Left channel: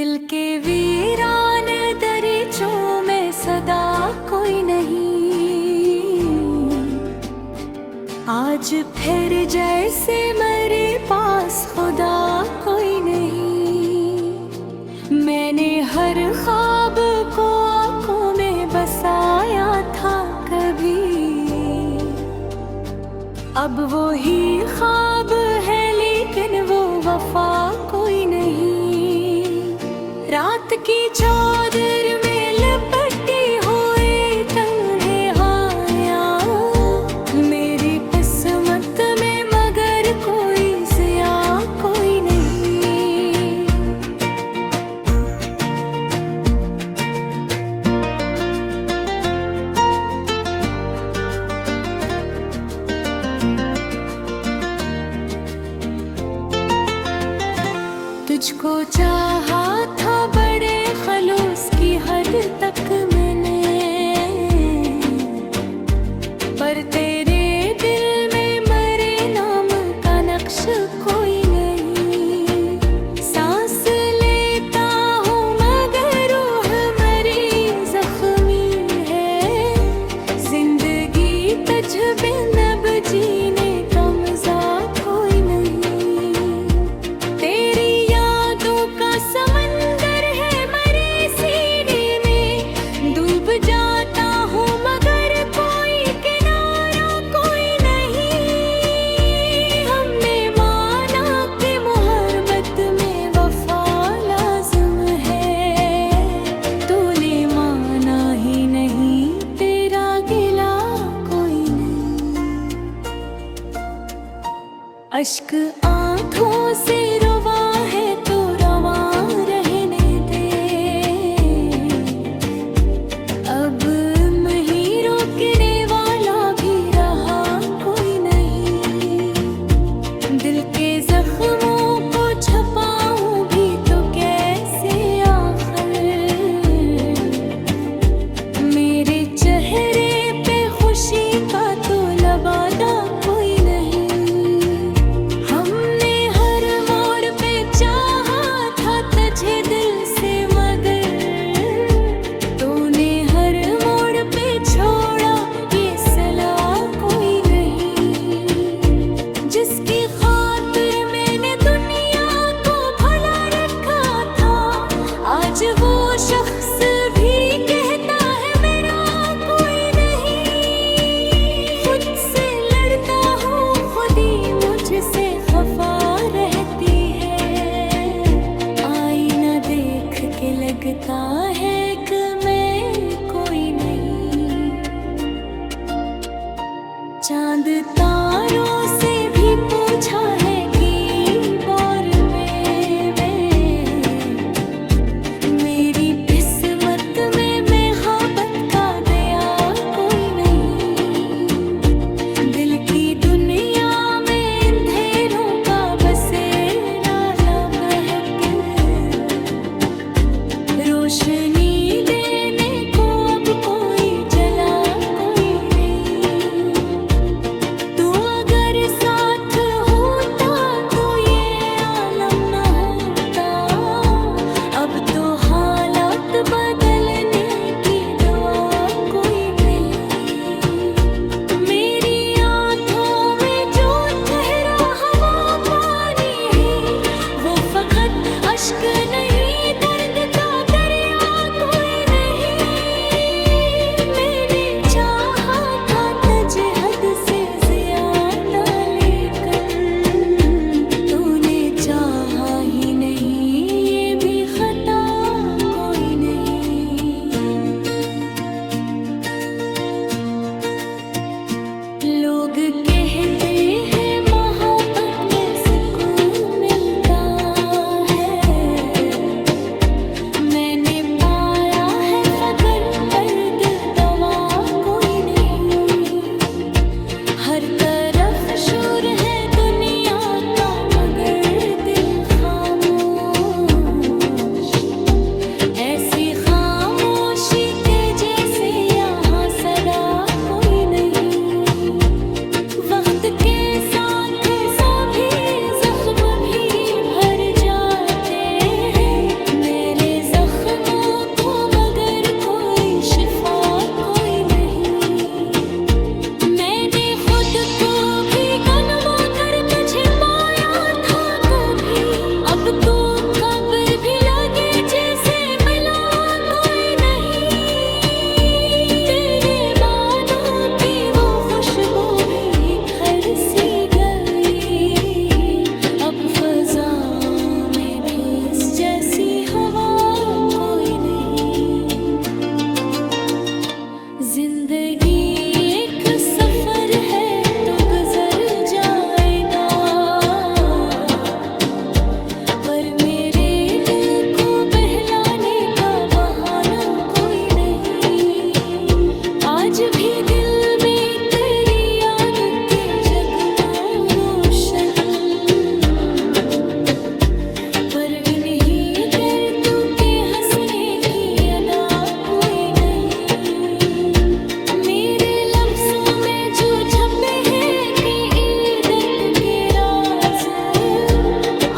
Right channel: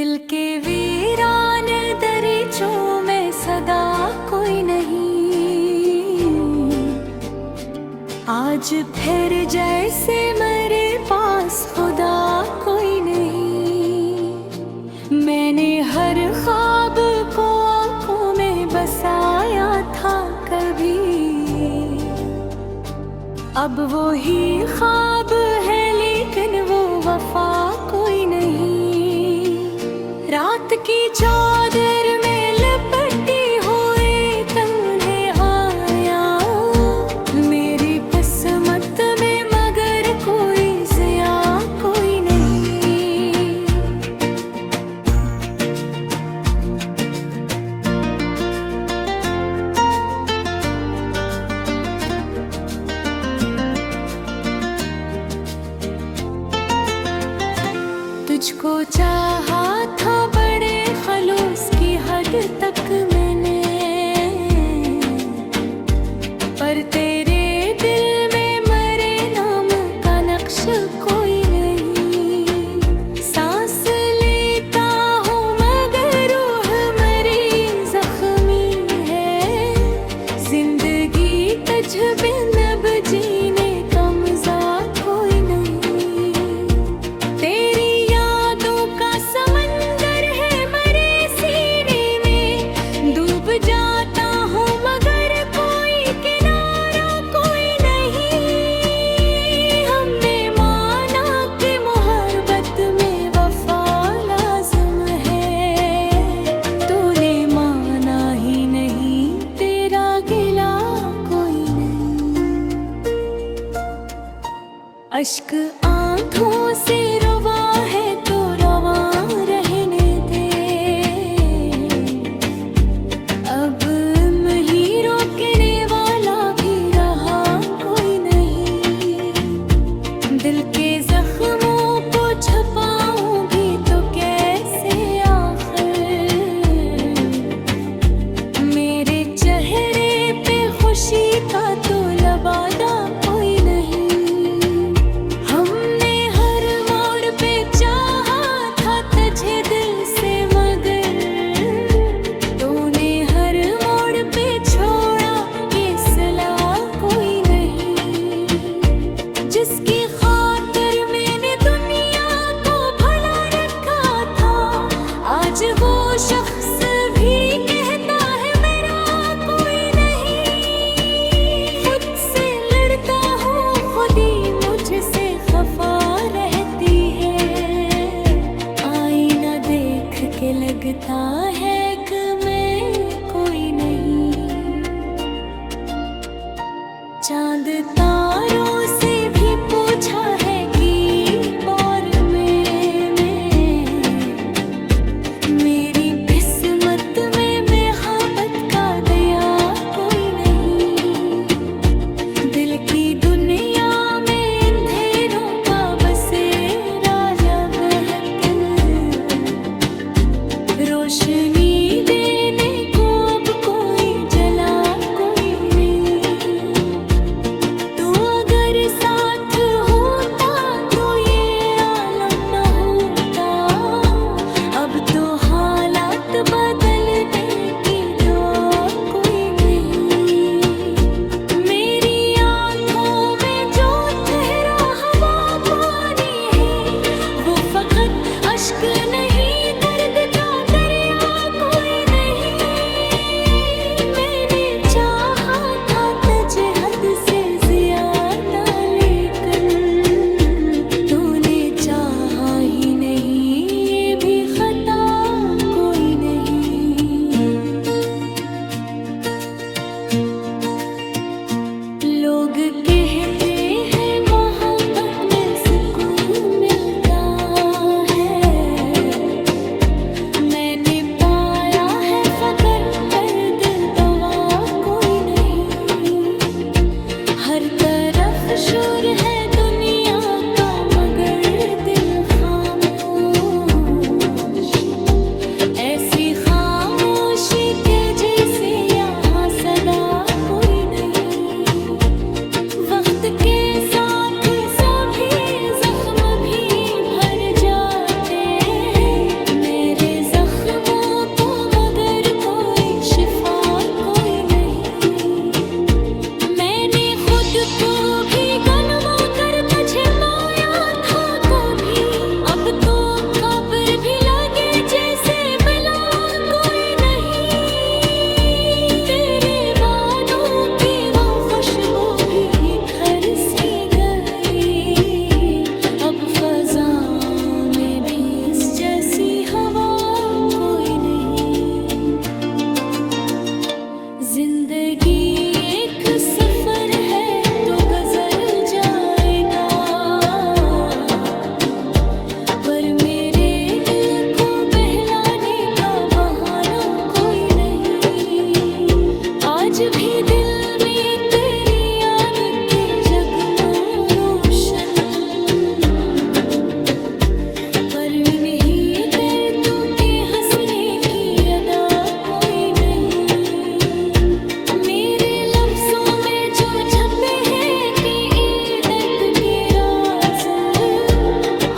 दिल के वीरान दरीचों में सदा कोई नहीं। आज फिर जैसे मेरे पास खुदा कोई नहीं। मैंने हर ख्वाब को आंखों में बसाया था कभी, अब वो ही ख्वाब है लेकिन वो वफा कोई नहीं। रात की चादर में लिपटी हुई तन्हाइयाँ मेरी किस्मत में, मगर कोई ज़िया कोई नहीं। तुझको चाहा था बड़े खलूस की हद तक मैंने, पर तेरे दिल में मेरे नाम का नक्श कोई नहीं। सांस लेता हूँ मगर रूह मेरी जख्मी है, जिंदगी तुझ बिन अब जीने का मजा कोई नहीं। तेरी समंदर है मेरे सीने में, डूब जाता हूँ मगर कोई किनारा कोई नहीं। हमने माना कि मोहब्बत में वफा लाज़िम है, तूने माना ही नहीं, तेरा गिला कोई नहीं। अश्क आंखों से रुवा है तो रहने दे, अब नहीं रोकने वाला भी रहा कोई नहीं। दिल के जख्मों को छुपाऊं भी तो कैसे आखिर, मेरे चेहरे पे खुशी का तो लबादा कोई नहीं। तुझे दिल से मगर तूने हर मोड़ पे छोड़ा ये सिला कोई नहीं। जिसकी खातिर मैंने दुनिया को भुला रखा था, आज वो शख्स भी कहता है मेरा कोई नहीं। खुद से लड़ता हूँ, खुद ही मुझसे खफा रहती है, देख के लगता है कि मैं कोई नहीं। चांद तारों से भी पूछा है कि बार में मेरी किस्मत में मोहब्बत का दया कोई नहीं। दिल की दुनिया में अंधेरों का बसेरा लबहत, रोशनी देने को अब कोई जला कोई नहीं। तू अगर साथ होता तो ये आलम न होता, अब तो हालात बदलने की दुआ कोई नहीं। मेरी आंखों में जो ठहरा हवा पानी है, वो फकत अश्क नहीं दर्द का हद से ज्यादा, लेकर तूने चाहा ही नहीं, ये भी खता कोई नहीं। सी हवा कोई नहीं। जिंदगी एक सफर है तो गुजर जाएगा, पर मेरे दिल को बहलाने का बहाना कोई नहीं। आज भी दिल में तेरी याद के जगनों रोशन, पर नहीं दर्द के हंसने की अदा कोई नहीं। मेरे लफ्जों में जो छपे हैं कि दर्द के राज,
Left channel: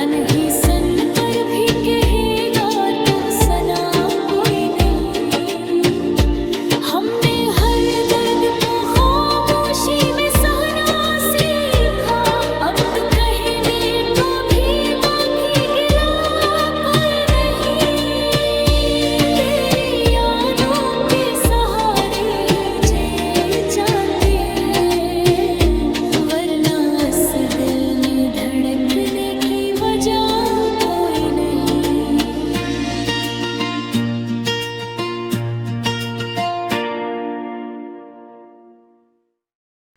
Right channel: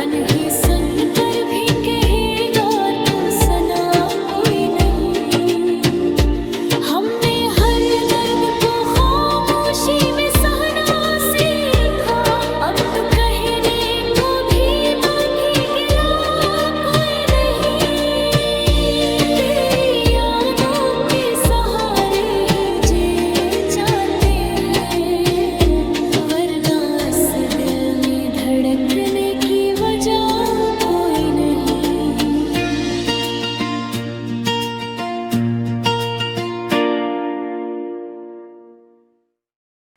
अनही सन कर भी कहेगा तो सना कोई नहीं। हमने हर दर्द को खामोशी में सहना सीखा, अब तो कहने को भी बाकी गिला कोई नहीं। तेरी यादों के सहारे ही जी जाते हैं, वरना इस दिल में धड़कने की वजह कोई नहीं।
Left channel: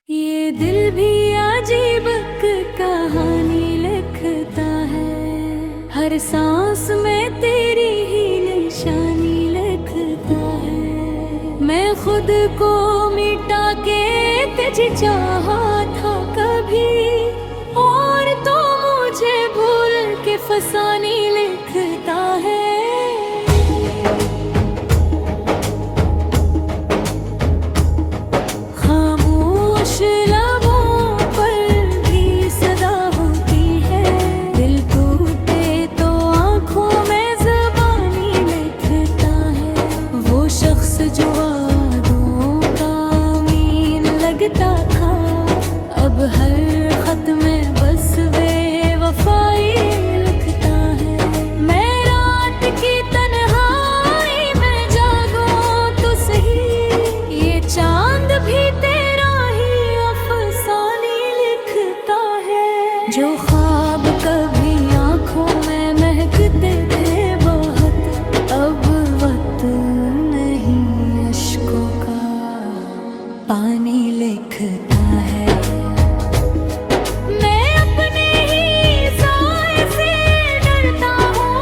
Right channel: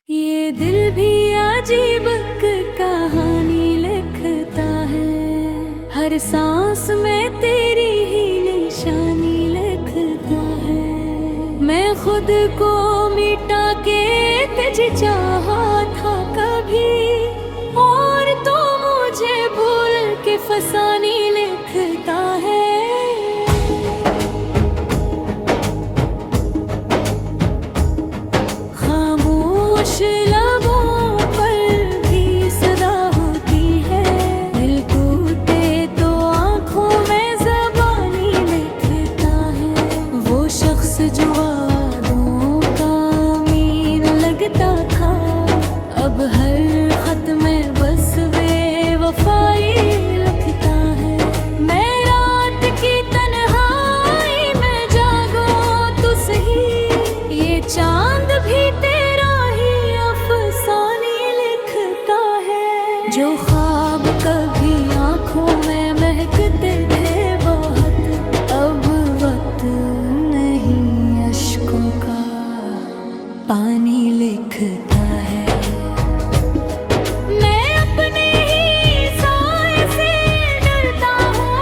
ये दिल भी अजीब कहानी लिखता है, हर सांस में तेरी ही निशानी लिखता है। मैं खुद को मिटा के तुझे चाहा था कभी, और तो मुझे भूल के फसानी लिखता है। खामोश लबों पर भी सदा होती है, दिल टूटे तो आंखों में ज़बानी लिखता है। वो शख्स जो वादों का अमीन लगता था, अब हर खत में बस बेवफाई लिखता है। मैं रात की तन्हाई में जागूं तो सही, ये चांद भी तेरा ही अफसानी लिखता है। जो ख्वाब कभी आंखों में महकते थे बहुत, अब वक्त नहीं अश्कों का पानी लिखता है। मैं अपने ही साए से डरता हूँ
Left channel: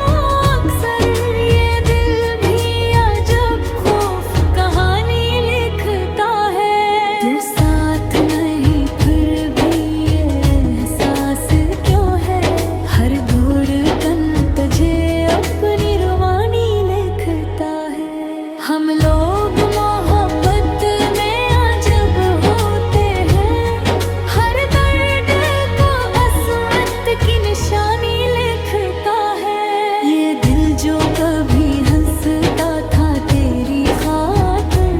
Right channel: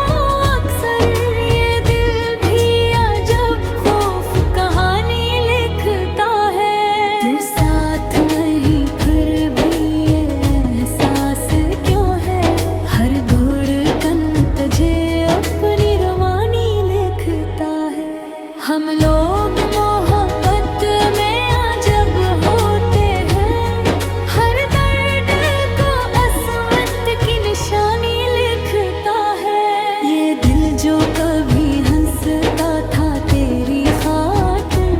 अक्सर, ये दिल भी अजब खौफ कहानी लिखता है। तू साथ नहीं फिर भी ये एहसास क्यों है, हर धड़कन तुझे अपनी रवानी लिखता है। हम लोग मोहब्बत में अजब होते हैं, हर दर्द को असमत की निशानी लिखता है। ये दिल जो कभी हंसता था तेरी खातिर,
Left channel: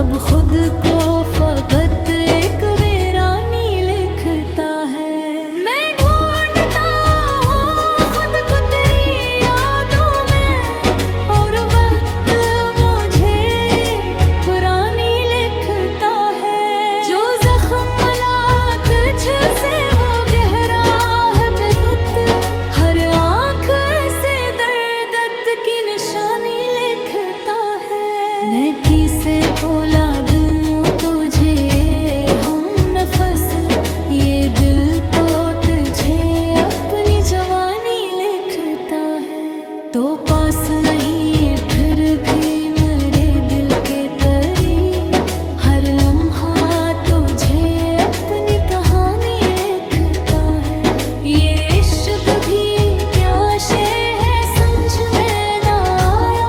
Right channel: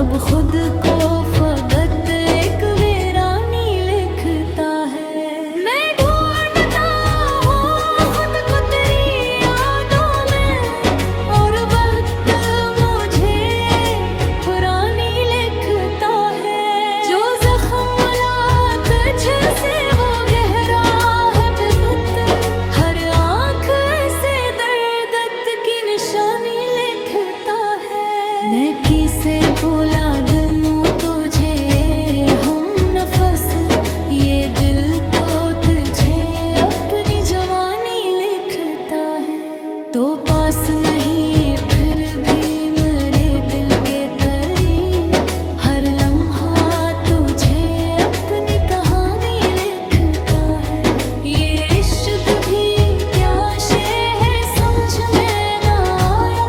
अब खुद को फकत एक वीरानी लिखता है। मैं ढूंढता हूँ खुद को तेरी यादों में, और वक्त मुझे पुरानी लिखता है। जो जख्म मिला तुझसे वो गहरा है बेखुद, हर आँख से दर्द की निशानी लिखता है। मैं किसे बोला दूँ तुझे हम नफस, ये दिल तो तुझे अपनी जवानी लिखता है। तो पास नहीं फिर भी मेरे दिल के करीब, हर लम्हा तुझे अपनी कहानी लिखता है। ये इश्क भी क्या शे है समझ में ना आया,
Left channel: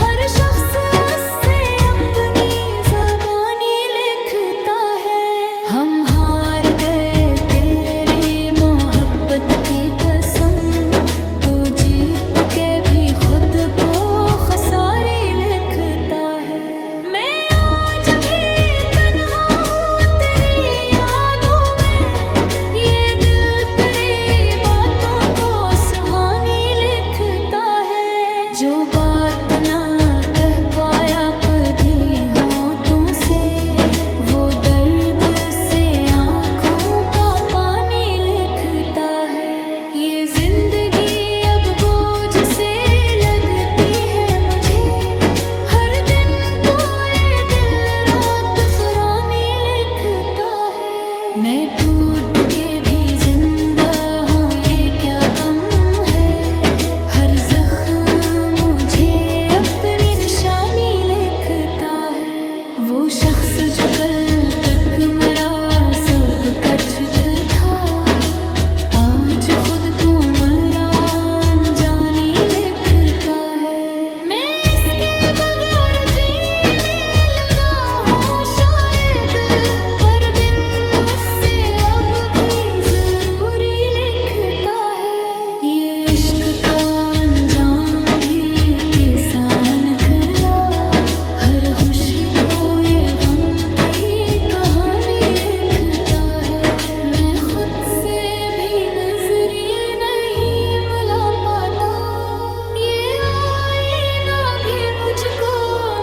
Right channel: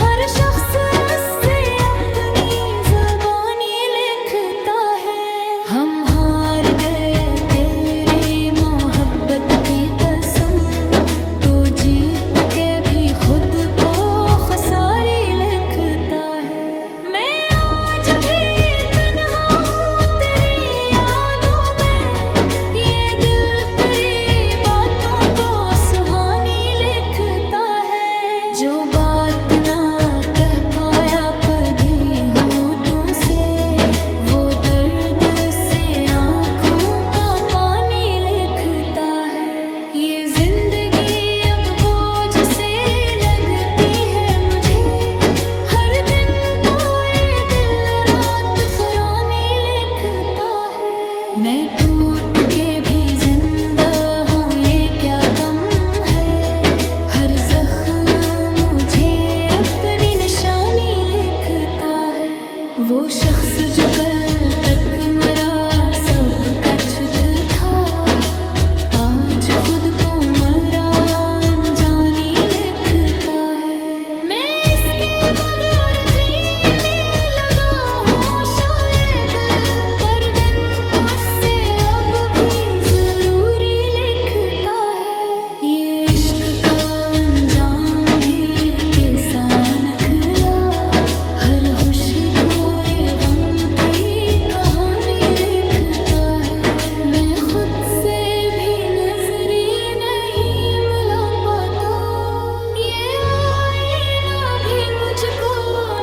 हर शख्स उससे अपनी ज़बानी लिखता है। हम हार गए तेरी मोहब्बत की कसम, तो जीत के भी खुद को खसारी लिखता है। मैं आज भी तन्हा हूँ तेरी यादों में, ये दिल तेरी बातों को सुहानी लिखता है। जो बात ना कह पाया कभी हूँ तुमसे, वो दर्द से आँखों का पानी लिखता है। ये जिंदगी अब बोझ से वो शख्स जो कल तक मरा सब कच्छ था, आज खुद को मरा अनजानी लिखता है। मैं इसके बगैर जीने लगा हूँ शायद, पर दिन मुझसे अब भी जरूरी लिखता है। ये इश्क का अंजाम भी किसान खिला, हर खुशी को ये गम की कहानी लिखता है। मैं खुद से भी नजरी नहीं मिला पाता, ये आईना भी मुझको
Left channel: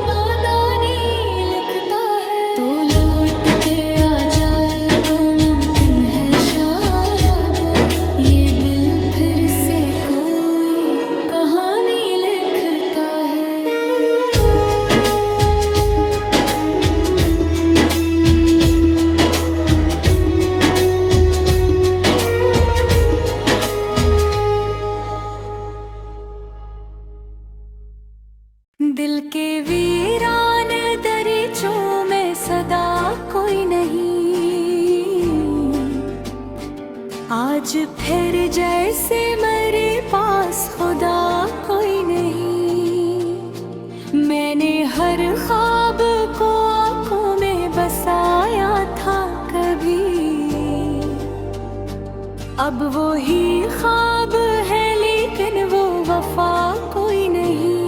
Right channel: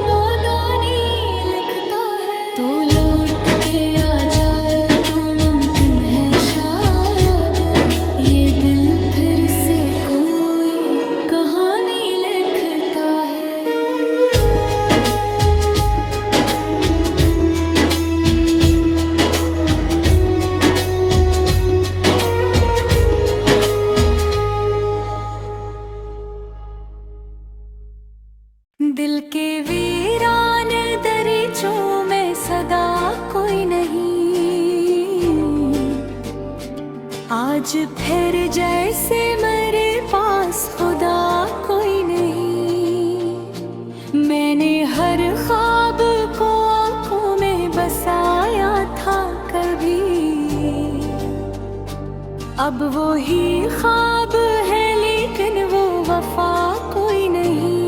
नादानी लिखता है। तो लौट के आ जाए तो मुमकिन है शायद, ये दिल फिर से कोई कहानी लिखता है। दिल के वीरान दरीचों में सदा कोई नहीं, आज फिर जैसे मेरे पास खुदा कोई नहीं। मैंने हर ख्वाब को आंखों में बसाया था कभी, अब वो ही ख्वाब है लेकिन वो वफा कोई नहीं।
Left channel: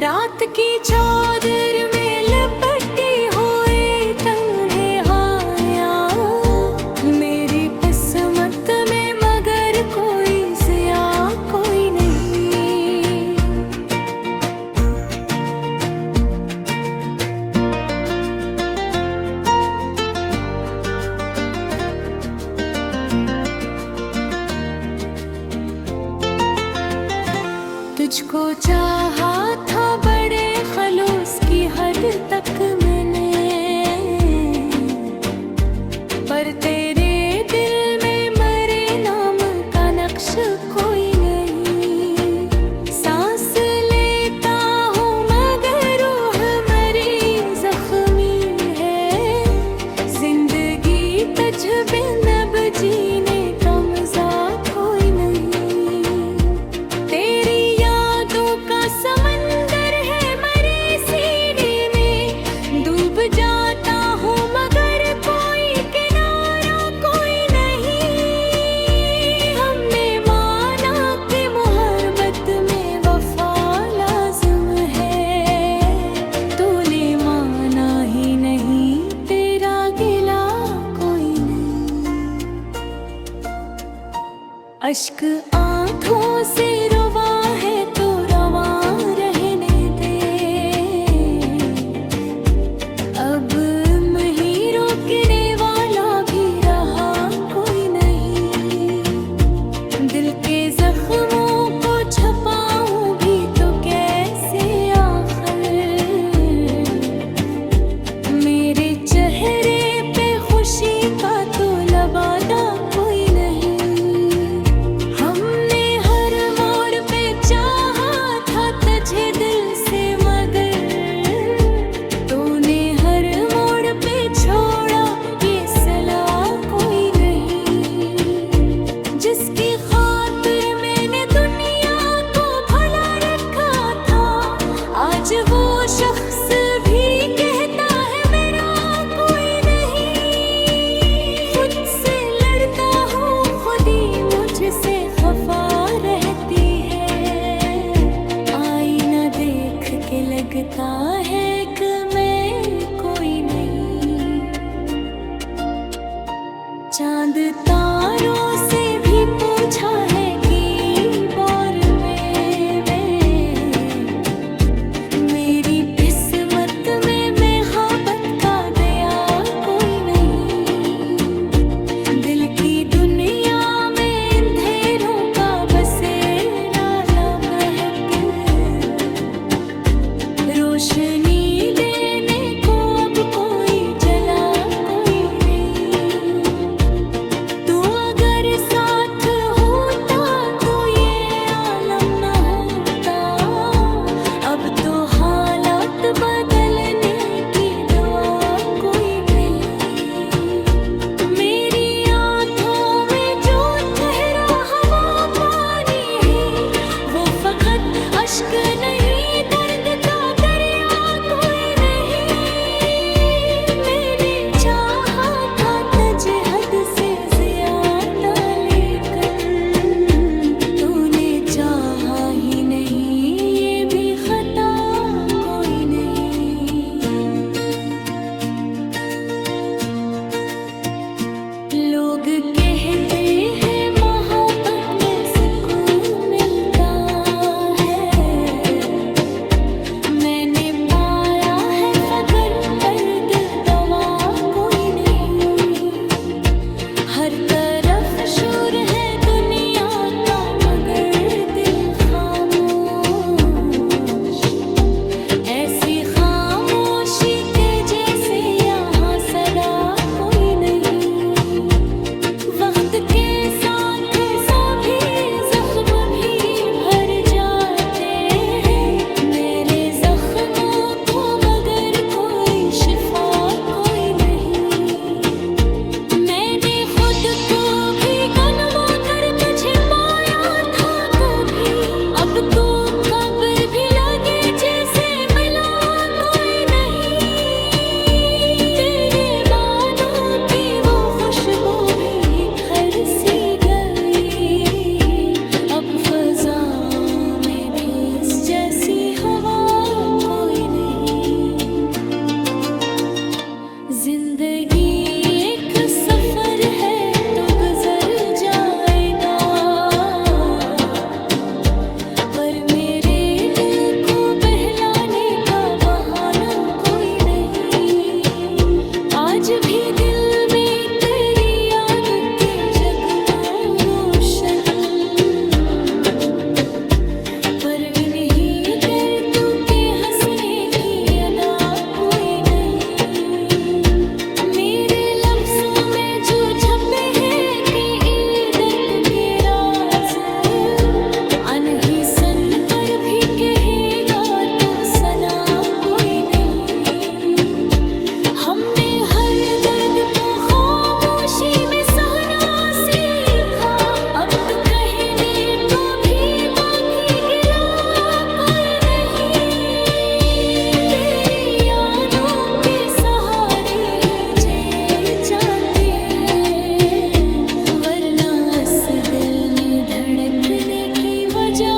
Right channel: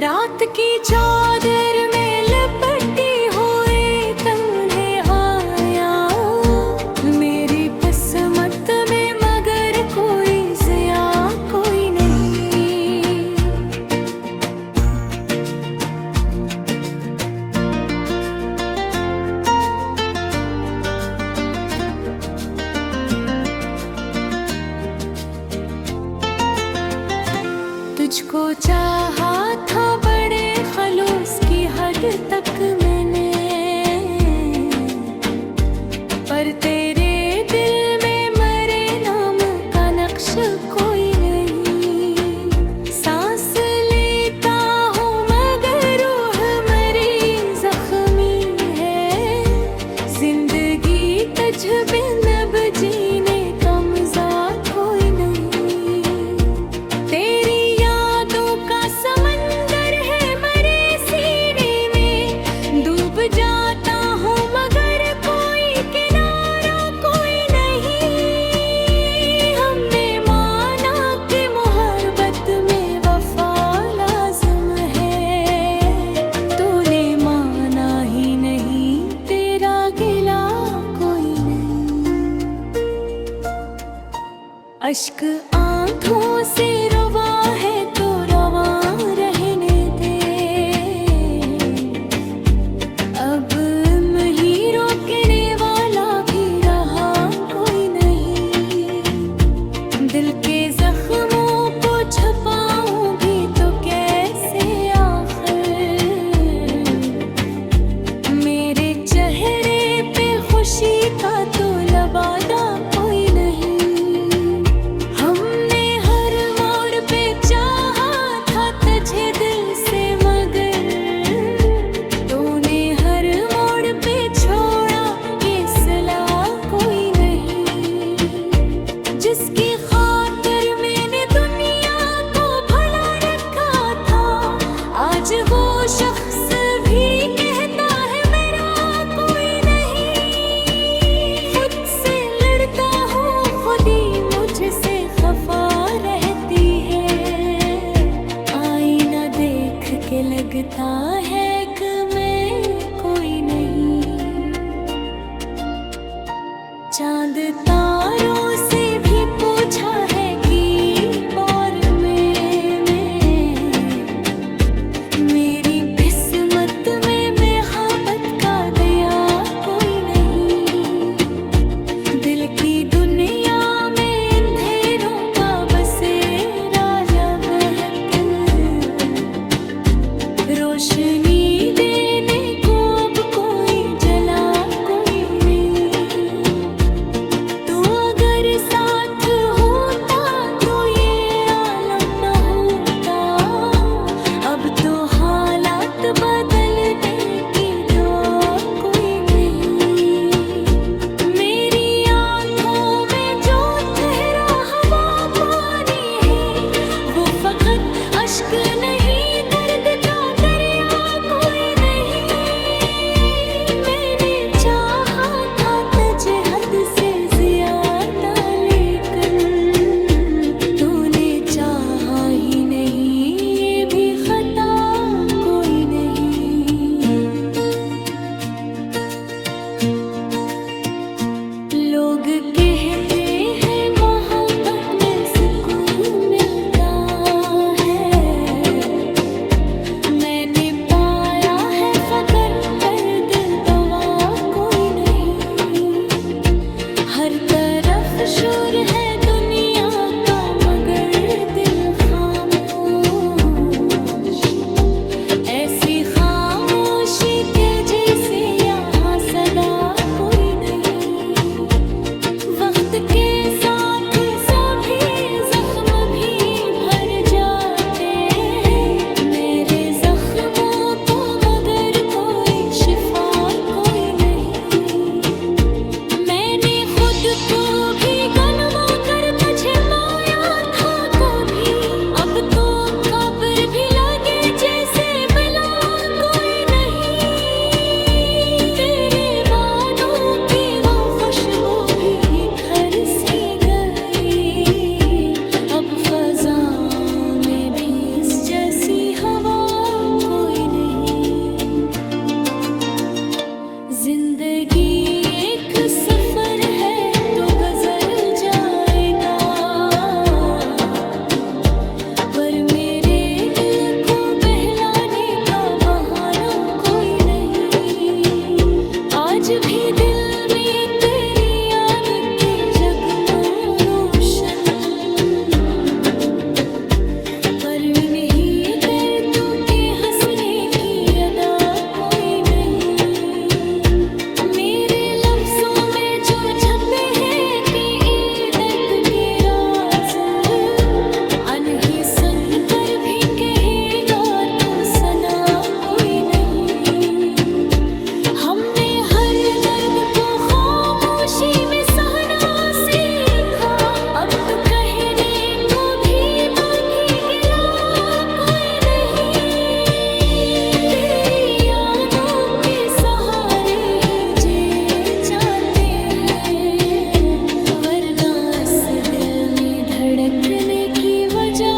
रात की चादर में लिपटी हुई तन्हाइयाँ मेरी किस्मत में, मगर कोई ज़िया कोई नहीं। तुझको चाहा था बड़े खलूस की हद तक मैंने, पर तेरे दिल में मरे नाम का नक्श कोई नहीं। सांस लेता हूँ मगर रूह मरी जख्मी है, जिंदगी तुझ बिन अब जीने का मजा कोई नहीं। तेरी समंदर है मरे सीने में, डूब जाता हूँ मगर कोई किनारा कोई नहीं। हमने माना कि मोहब्बत में वफा लाज़िम है, तूने माना ही नहीं, तेरा गिला कोई नहीं। अश्क आंखों से रुवा है तो रहने दे, अब नहीं रोकने वाला भी रहा कोई नहीं। दिल के जख्मों को छुपाऊं भी तो कैसे आखिर, मेरे चेहरे पे खुशी का तो लबादा कोई नहीं। तुझे दिल से मगर तूने हर मोड़ पे छोड़ा ये सिला कोई नहीं। जिसकी खातिर मैंने दुनिया को भुला रखा था, आज वो शख्स भी कहता है मेरा कोई नहीं। खुद से लड़ता हूँ, खुद ही मुझसे खफा रहती है। देख के लगता है कि मैं कोई नहीं। चांद तारों से भी पूछा है कि बार में मेरी किस्मत में मोहब्बत का दया कोई नहीं। दिल की दुनिया में अंधेरों का बसेरा लबहत, रोशनी देने को अब कोई जला कोई नहीं। तू अगर साथ होता तो ये आलम न होता, अब तो हालात बदलने अश्क नहीं दर्द का दरिया कोई नहीं। मैंने चाहा था तुझे हद से ज्यादा लेकिन तूने चाहा ही नहीं, ये भी खता कोई नहीं। लोग कहते हैं मोहब्बत में सुकून मिलता है, मैंने पाया है फकर दर्द दवा कोई नहीं। हर तरफ शोर है दुनिया का मगर दिल खामोश, ऐसी खामोशी के जैसे यहाँ सदा कोई नहीं। वक्त के साथ सभी जख्म भी भर जाते हैं, मेरे जख्मों को मगर कोई शिफा कोई नहीं। मैंने खुद को भी गनवा कर तुझे पाया था कभी, अब तो कब्र भी लगे जैसे मिला कोई नहीं। तेरे बातों की वो खुशबू भी घर सी गई, अब फजा में भी इस जैसी हवा कोई नहीं। जिंदगी एक सफर है तो गुजर जाएगा, पर मेरे दिल को बहलाने का बहाना कोई नहीं। आज भी दिल में तेरी याद के जगनो रोशन, पर नहीं दर्द के हंसने की अदा कोई नहीं। मेरे लफ्जों में जो छपे हैं कि ये दर्द के राज, अनही सुन कर भी कहेगा तो सना कोई नहीं। हमने हर दर्द को खामोशी में सहना सीखा, अब तो कहने को भी बाकी गिला कोई नहीं। तेरी यादों के सहारे ही जी जाते हैं, वरना इस दिल में धड़कने की वजह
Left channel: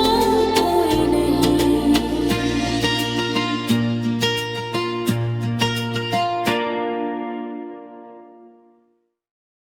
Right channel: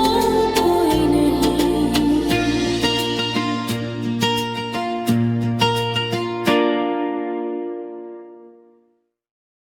कोई नहीं।